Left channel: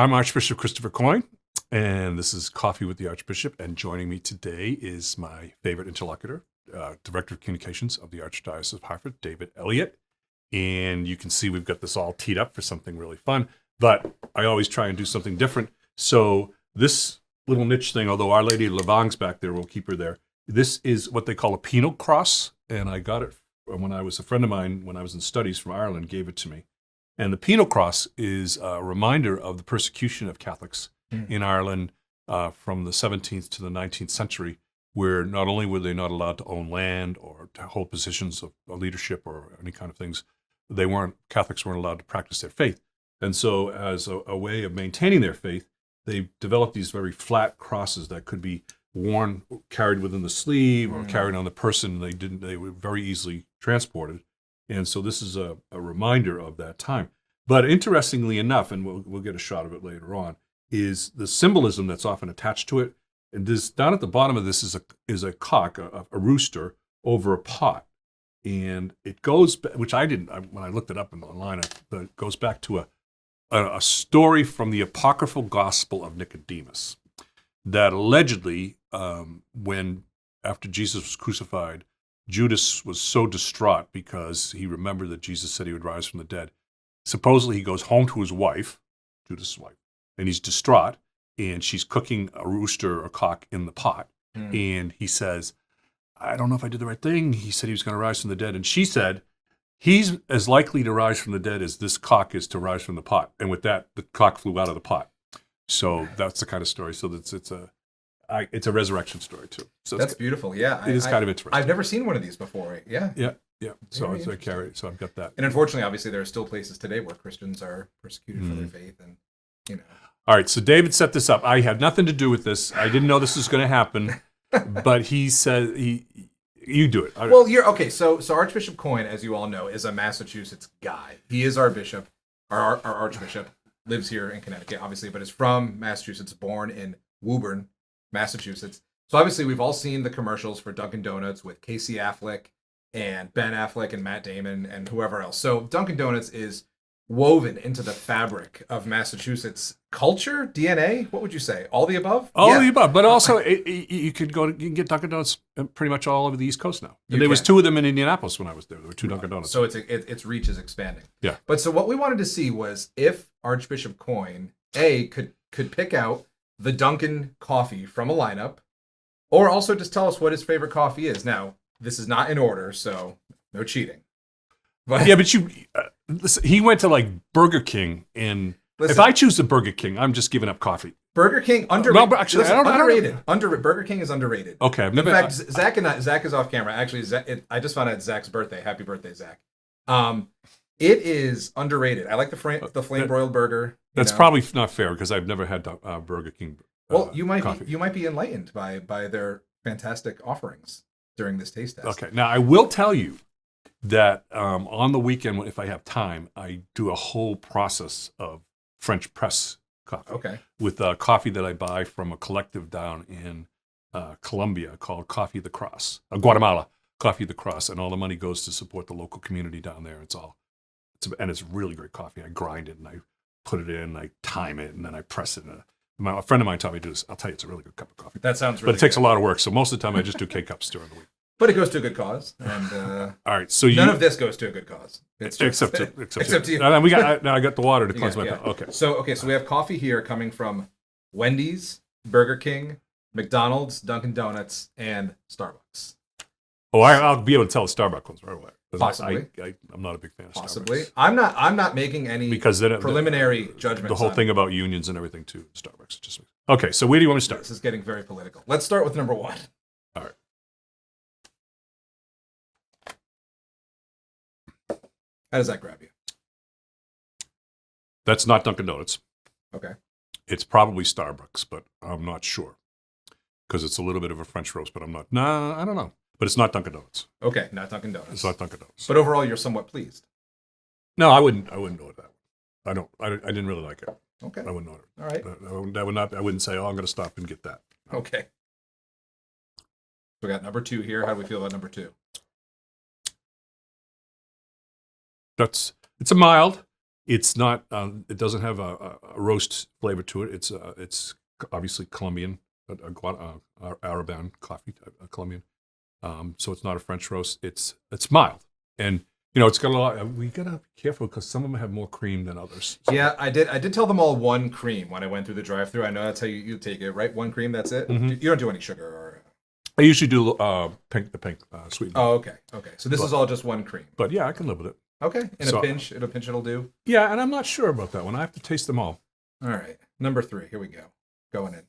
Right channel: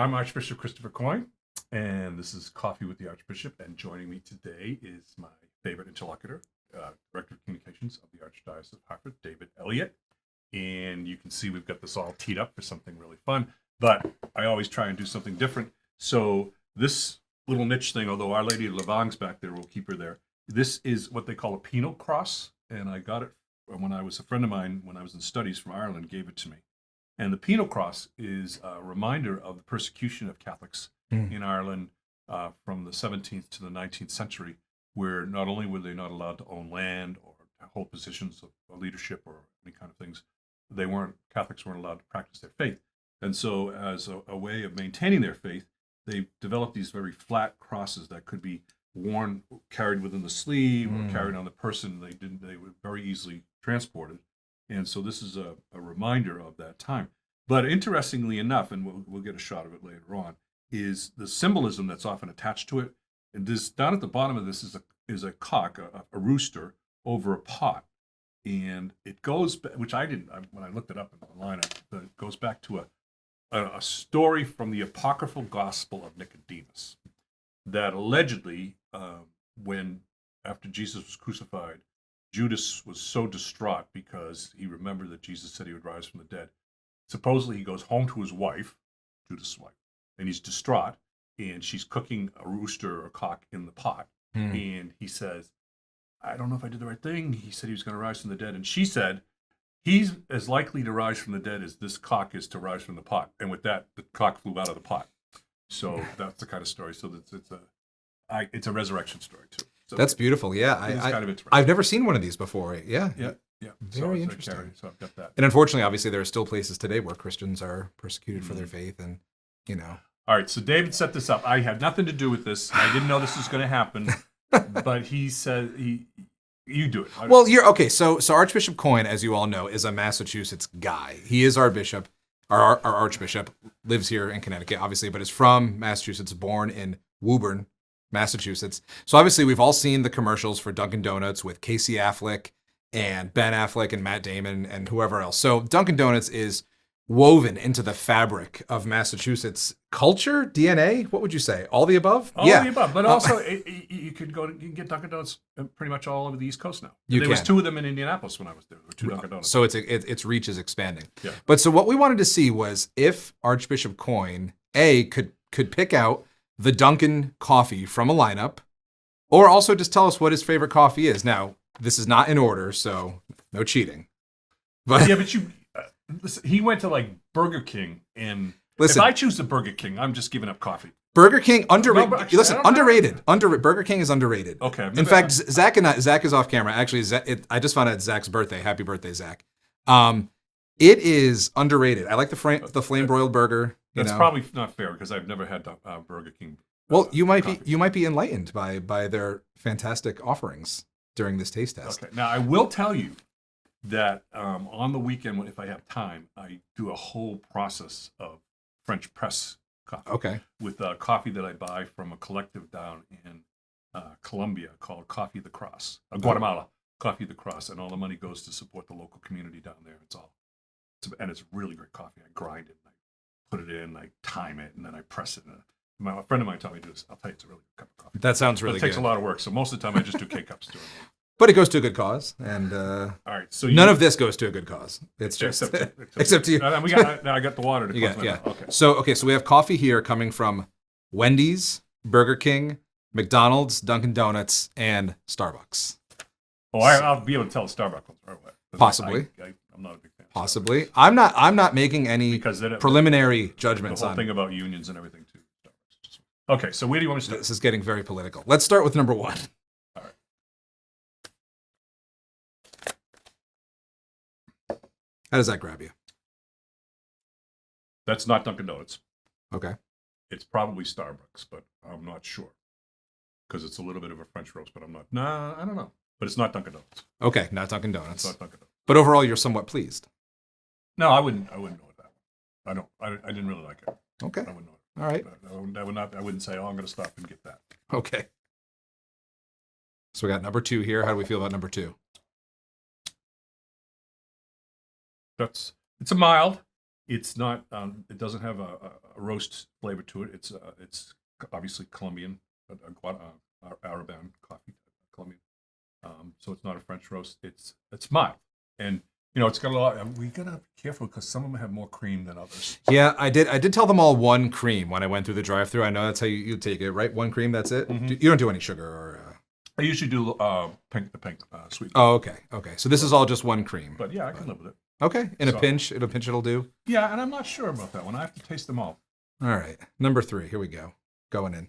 I'm Archbishop Christopher Coyne, and this is Coffee with the Archbishop. And joining me today is my favorite interlocutor, Director of Communications of the Archdiocese of Hartford, David Elliott. And you can see we've got this all teed up for something really fun, but I always try and do something different. So this little niche thing, although Our Lady of Lavang's back there, we'll keep her there. This is what they call a penal cross, and I got it when I was a friend of mine, when I was in studies from Ireland, gave it to me. And the penal cross is a reminder of the persecution of Catholics in Ireland from the 17th to the 19th century, where not only were they not allowed to own land or to hold positions of leadership or any kind of things, Catholics weren't allowed to practice their faith. And so as a way of maintaining their faith, they developed these very flat crosses that could be worn, carried within the sleeve or carried on the person. They were very easily transported. And so this is a reminder of that time. But interestingly enough, and we'll get a shot of it later on, is the symbolism that's often attached to it. And this, down at the bottom of this is a cock, a rooster over a pot. And it goes, which I didn't, when I looked it up online, it goes back to a story from the apocryphal Gospel of Nicodemus that allegedly, when after Jesus was crucified, Judas was so distraught because he remembered that Jesus said he would rise from the dead. Supposedly he goes home to his wife, Judas' wife, and he's distraught, and she's cooking a rooster or cock in the pot. And he says, I don't know if I did the right thing. He said he was going to rise from the dead. And she said, he's as likely to rise from the dead as this cock is to rise from the pot. And with that, the cock flew out of the pot. So that's the kind of story. So it's a resurrection story too. So that's beautiful. Yeah, it is kind of interesting. I've never seen one of these before. Yeah. So I've got that. And unfortunately, obviously, there are still places today where Christians are persecuted for their faith, and All right. So David set this up. I had nothing to do with this. I didn't know this was going to happen, but he said you do it. Well, you're okay. So Archbishop Coyne, as you all know, is a Massachusetts guy. He is our bishop. Our Archbishop lives here in Connecticut, obviously, but is from Massachusetts, born in Woburn, Massachusetts. So obviously we've all seen the commercials for Dunkin' Donuts with Casey Affleck and Ben Affleck and Matt Damon and whoever else. So Dunkin' Donuts is woven into the fabric of Massachusetts culture, DNA. What would you say? All the above? All the above, but also you can get Dunkin' Donuts pretty much all over the East Coast now. There was two of them in Indianapolis when I was there. There were two Dunkin' Donuts. So its reach is expanding. Yeah. But so what we wanted to see was if Archbishop Coyne could pick out the Dunkin' coffee from a lineup, or also just tell us what his favorite coffee is. Now, this is not in order, so no cheating. But yeah, but he went to like Burger King, and if I choose the Burger King, I'm just giving up coffee. Burger King underrated. No, actually, underrated. Burger King is underrated. Okay. In fact, Zach is off camera. Actually, I just found out it's Zach's birthday. Happy birthday, Zach. It is underrated. I like the flame broiled burger. That's probably not fair because I've never had Burger King. Well, you might be enlightened by their fantastic offerings during this taste test. Okay. Now I will tell you that on the weekend, if I have time, I do a whole process of French press coffee. Okay. With coffee that I buy from a collective down in Colombia called Coffee the Cross, Guatemala, Coffee the Cross, and all the money goes to support the local community down there. And it's really great coffee. I grind it and I put it in, I time it, and then I press it. A friend of mine taught me to do this. I'll tell you, it's a really good cup of coffee. That sounds really good. But it takes a lot of work, so most of the time I just do K-cups during the week. But it goes to a good cause, and all right. So none of this goes to a good cause. It's just, except to you. Now I got the water to close my mouth. Okay. So we have coffee here coming from Wendy's, Burger King, McDonald's, Dunkin' Donuts, and Starbucks. Oh, I'll be able to tell the Starbucks ones right away. Possibly. I'm not a big fan of Possibly. Starbucks. I'm not making any preliminary judgments. The whole thing about unions and everything too. Starbucks just okay. So where do you want to start? This is getting very political. Let's start with number one. All right. How does that grab you? That's not Dunkin' Donuts. Okay. It's probably Starbucks, but I'm not sure because it's a little bit of a French roast. But I'm not. Nah, I don't know. But it's not Dunkin' Donuts. Okay, not Dunkin' Donuts. It's not Dunkin' Donuts. But overall, you're somewhat pleased. No, I wouldn't know that. I didn't really like it. Okay. I wouldn't know it. All right. I wouldn't say, I'm going to stop and get that. Okay. So we got number two here. How do we feel about number two? It's a mild. It's not. It doesn't have a roast flavor to it. It's obviously Colombian, Araban coffee, Colombian. So it's not a French roast. It's mild, and it's got a lot. We gotta be careful because some of them have more cream than others. Yeah, I did tell them all one cream when I went through the drive-through. I know that's how you take it, right? One cream, that's it. Mhm. You don't do any sugar or. I usually do pink sweet. Oh, okay. So this is all just one cream. But yeah, I can live with it. Okay, in a pinch it'll do. Yeah, and I'm not sure about that one. I have to taste them all. All right, number 3. Here we go. Going in.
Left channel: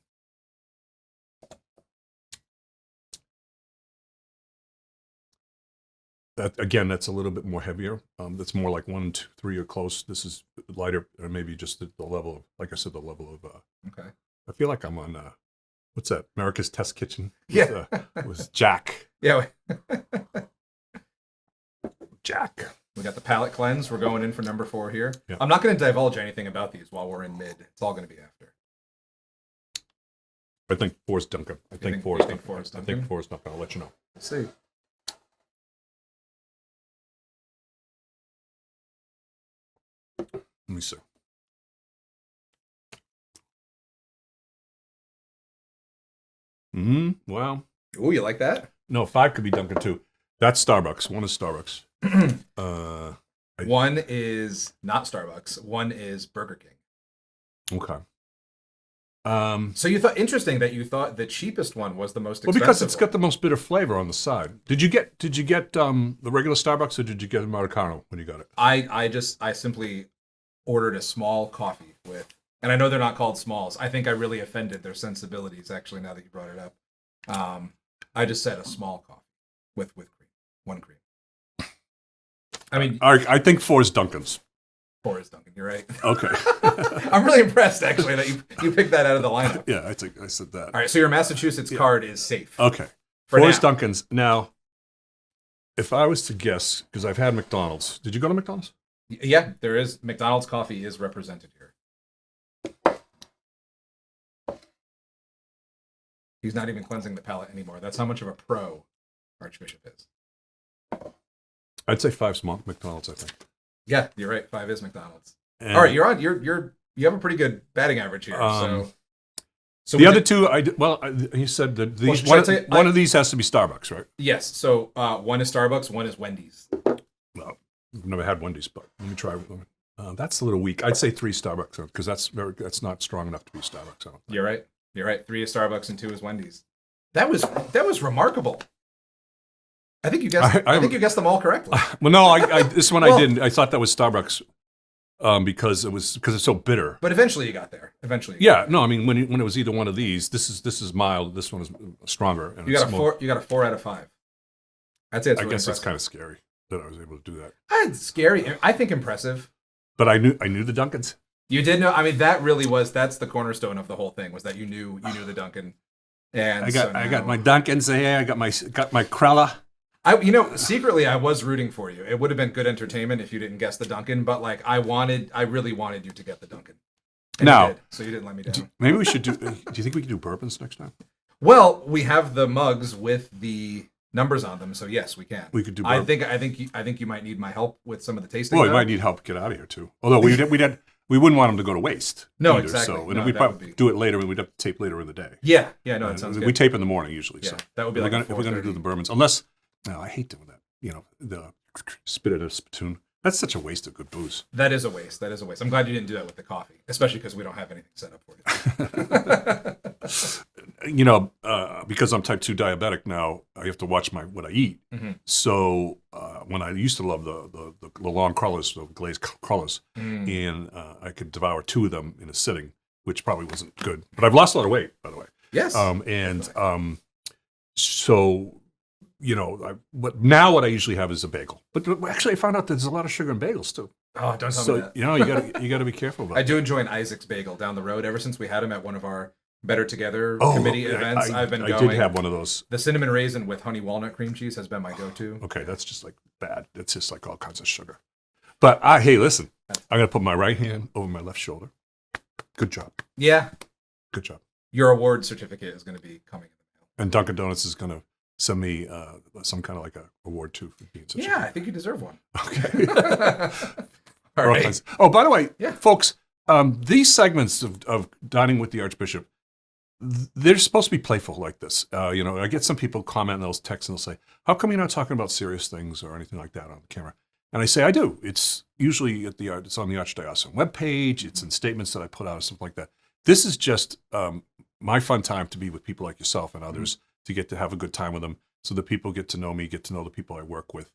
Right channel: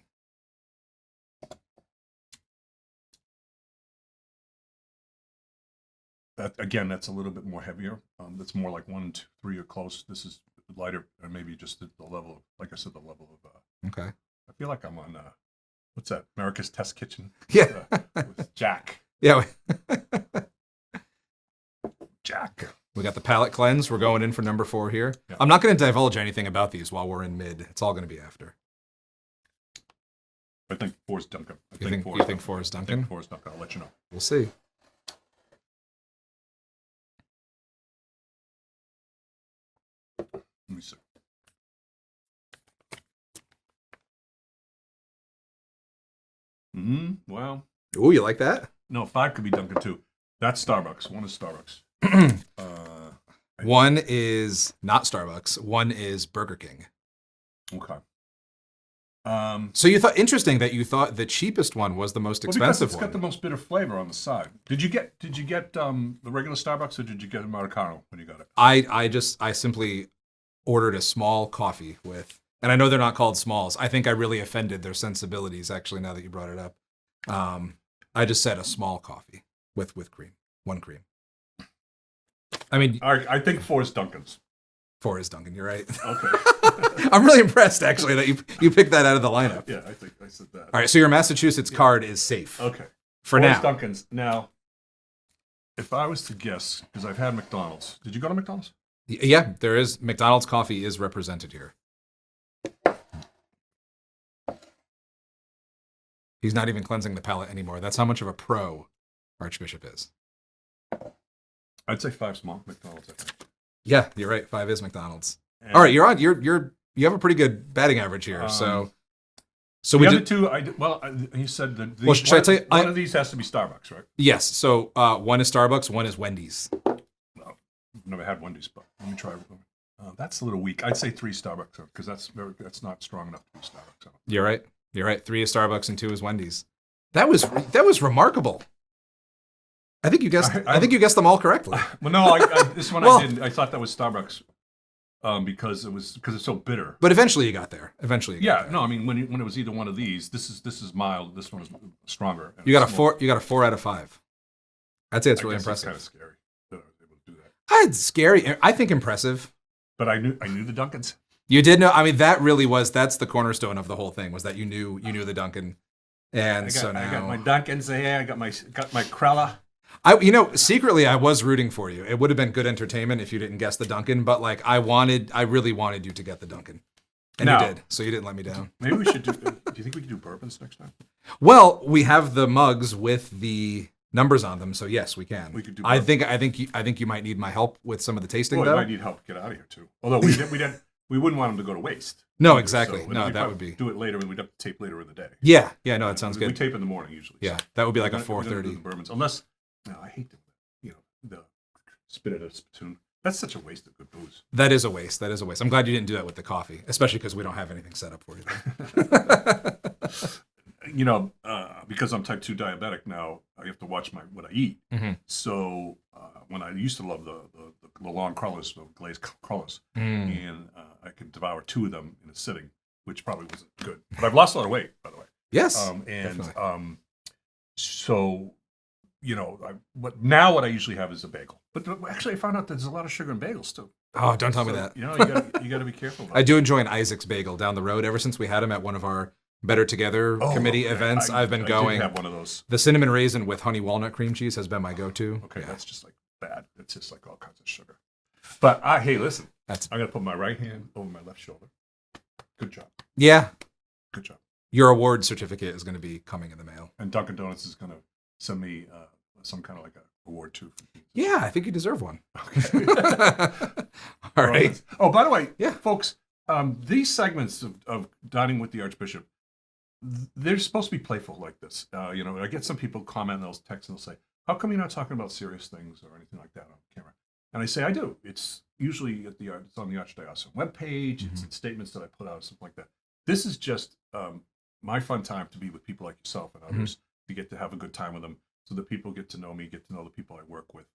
That's a little bit more heavier. That's more like 1, 2, 3 or close. This is lighter, or maybe just the level of, like I said, the level of. Okay. I feel like I'm on. What's that? America's Test Kitchen. Yeah. Was Jack. Yeah. Jack. We got the palate cleanse. We're going in for number 4 here. Yeah. I'm not going to divulge anything about these while we're in mid. It's all going to be after. I think 4 is Dunkin. I think 4 is Dunkin. I'll let you know. We'll see. Let me see. Wow. Oh, you like that? No, 5 could be Dunkin' too. That's Starbucks. 1 is Starbucks. 1 is not Starbucks. 1 is Burger King. Okay. So you thought interesting that you thought the cheapest one was the most expensive. Well, because it's one. got the most bitter flavor on the side. Did you get the regular Starbucks or did you get Americano when you got it? I simply ordered a small coffee with, and I know they're not called smalls. I think I really offended their sensibilities actually now that you brought it up. I just said a small coffee with cream, 1 cream. I mean, I think 4 is Dunkin's. 4 is Dunkin'. You're right. Okay. I'm really impressed actually that you picked that out of the lineup. Yeah, I think I said that. All right, so your Massachusetts card is safe. Okay. For 4 now. is Dunkin's. Now, if I was to guess, because I've had McDonald's. Did you go to McDonald's? Yeah, there is. McDonald's coffee is represented here. He's not even cleansing the palate anymore. That's how much of a pro Archbishop is. I'd say 5's McDonald's, I think. Yeah, you're right. 5 is McDonald's. And All right, you're on. You have a pretty good batting average here. So the other 2, he said that one of these has to be Starbucks, right? Yes. So 1 is Starbucks. 1 is Wendy's. No, I've never had Wendy's, but let me try. That's a little weak. I'd say 3 Starbucks because that's not strong enough to be Starbucks. You're right. 3 is Starbucks and 2 is Wendy's. That was remarkable. I think you guessed. I think you guessed them all correctly. Well, no, this one Well- I didn't. I thought that was Starbucks because it's so bitter. But eventually you got there. Yeah, no, I mean when it was either one of these, this is mild. This one is stronger. And You got it's a more- 4. You got a 4 out of 5. I'd say it's I really guess it's impressive. kind of scary that I was able to do that. It's scary. I think impressive. But I knew the Dunkins. You did know. I mean, that's the cornerstone of the whole thing was that you knew the Dunkin'. And I got my Dunkins here. I got my Krella. Secretly I was rooting for you. It would have been good entertainment if you didn't guess the Dunkin', but like I really wanted you to get the Dunkin'. And No. you did, so you didn't let me down. Maybe we should do. Do you think we could do bourbons next time? Well, we have the mugs with the numbers on them, so yes, we can. We could do I bourbon. think you might need my help with some of the tasting. Well, you though. might need help to get out of here too. Although we wouldn't want them to go to waste. No, either, exactly. So, No, we'd that probably would be- do it later. We'd have to tape later in the day. Yeah, no, it sounds good. We tape in the morning usually. Yeah, so. that would be like if we're going to do the bourbons, unless I hate doing that. The spit in a spittoon. That's such a waste of good booze. That is a waste. I'm glad you didn't do that with the coffee, especially because we don't have anything set up for you. Because I'm type 2 diabetic now, I have to watch what I eat. Mm-hmm. So when I used to love the long crullers, the glazed crullers, and I could devour 2 of them in a sitting, which probably wasn't good. But I've lost a lot of weight, by the way. Yes. So what I usually have is a bagel. But actually, I found out there's a lot of sugar in bagels too. Oh, don't tell me that. You got to be careful about I it. do enjoy an Isaac's bagel down the road. Ever since we had him at one of our Better Together committee events, I've been going. I did have one of those. The cinnamon raisin with honey walnut cream cheese has been my go-to. Okay, that's just like bad. It's just like all kinds of sugar. But hey, listen, I'm gonna put my right hand over my left shoulder. Good job. Yeah. Good job. Your award certificate is going to be coming in the mail. And Dunkin' Donuts is gonna send me some kind of like a award too for being such Yeah, I think you deserve one. Okay. All right. Oh, by the way, Yeah. folks, these segments of Dining with the Archbishop, they're supposed to be playful like this. I get some people comment in those texts and they'll say, how come you're not talking about serious things or anything like that on the camera? And I say, I do. It's usually it's on the Archdiocesan webpage. It's in statements that I put out or something like that. This is just my fun time to be with people like yourself and others to get to have a good time with them so that people get to know me, get to know the people I work with.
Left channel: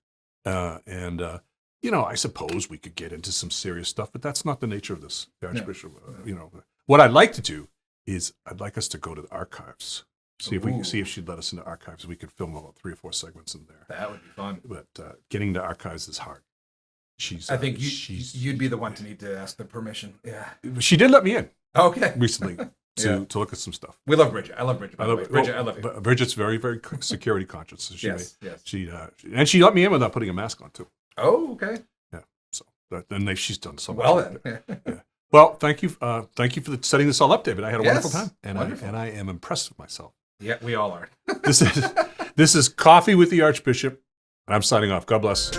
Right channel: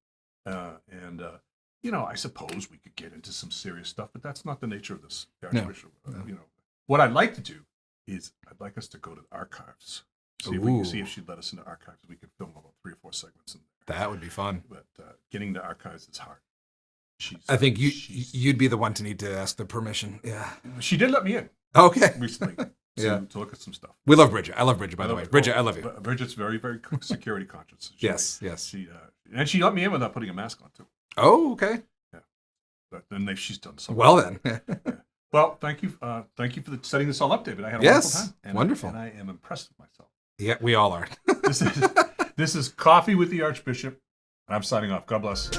I suppose we could get into some serious stuff, but that's not the nature of this, the Archbishop. What I'd like to do is I'd like us to go to the archives. See if she'd let us into archives. We could film about 3 or 4 segments in there. That would be fun. But getting to archives is hard. I think you'd be the one to need to ask the permission. Yeah. She did let me in Okay. recently to look at some stuff. We love Bridget. I love Bridget, by the way. Bridget, I love you. Bridget's very, very security conscious. So Yes. And she let me in without putting a mask on, too. Oh, okay. Yeah. So then she's done so well. Then. Yeah. Well, thank you for setting this all up, David. I had a wonderful time. Wonderful. And I am impressed with myself. Yeah, we all are. This is Coffee with the Archbishop, and I'm signing off. God bless.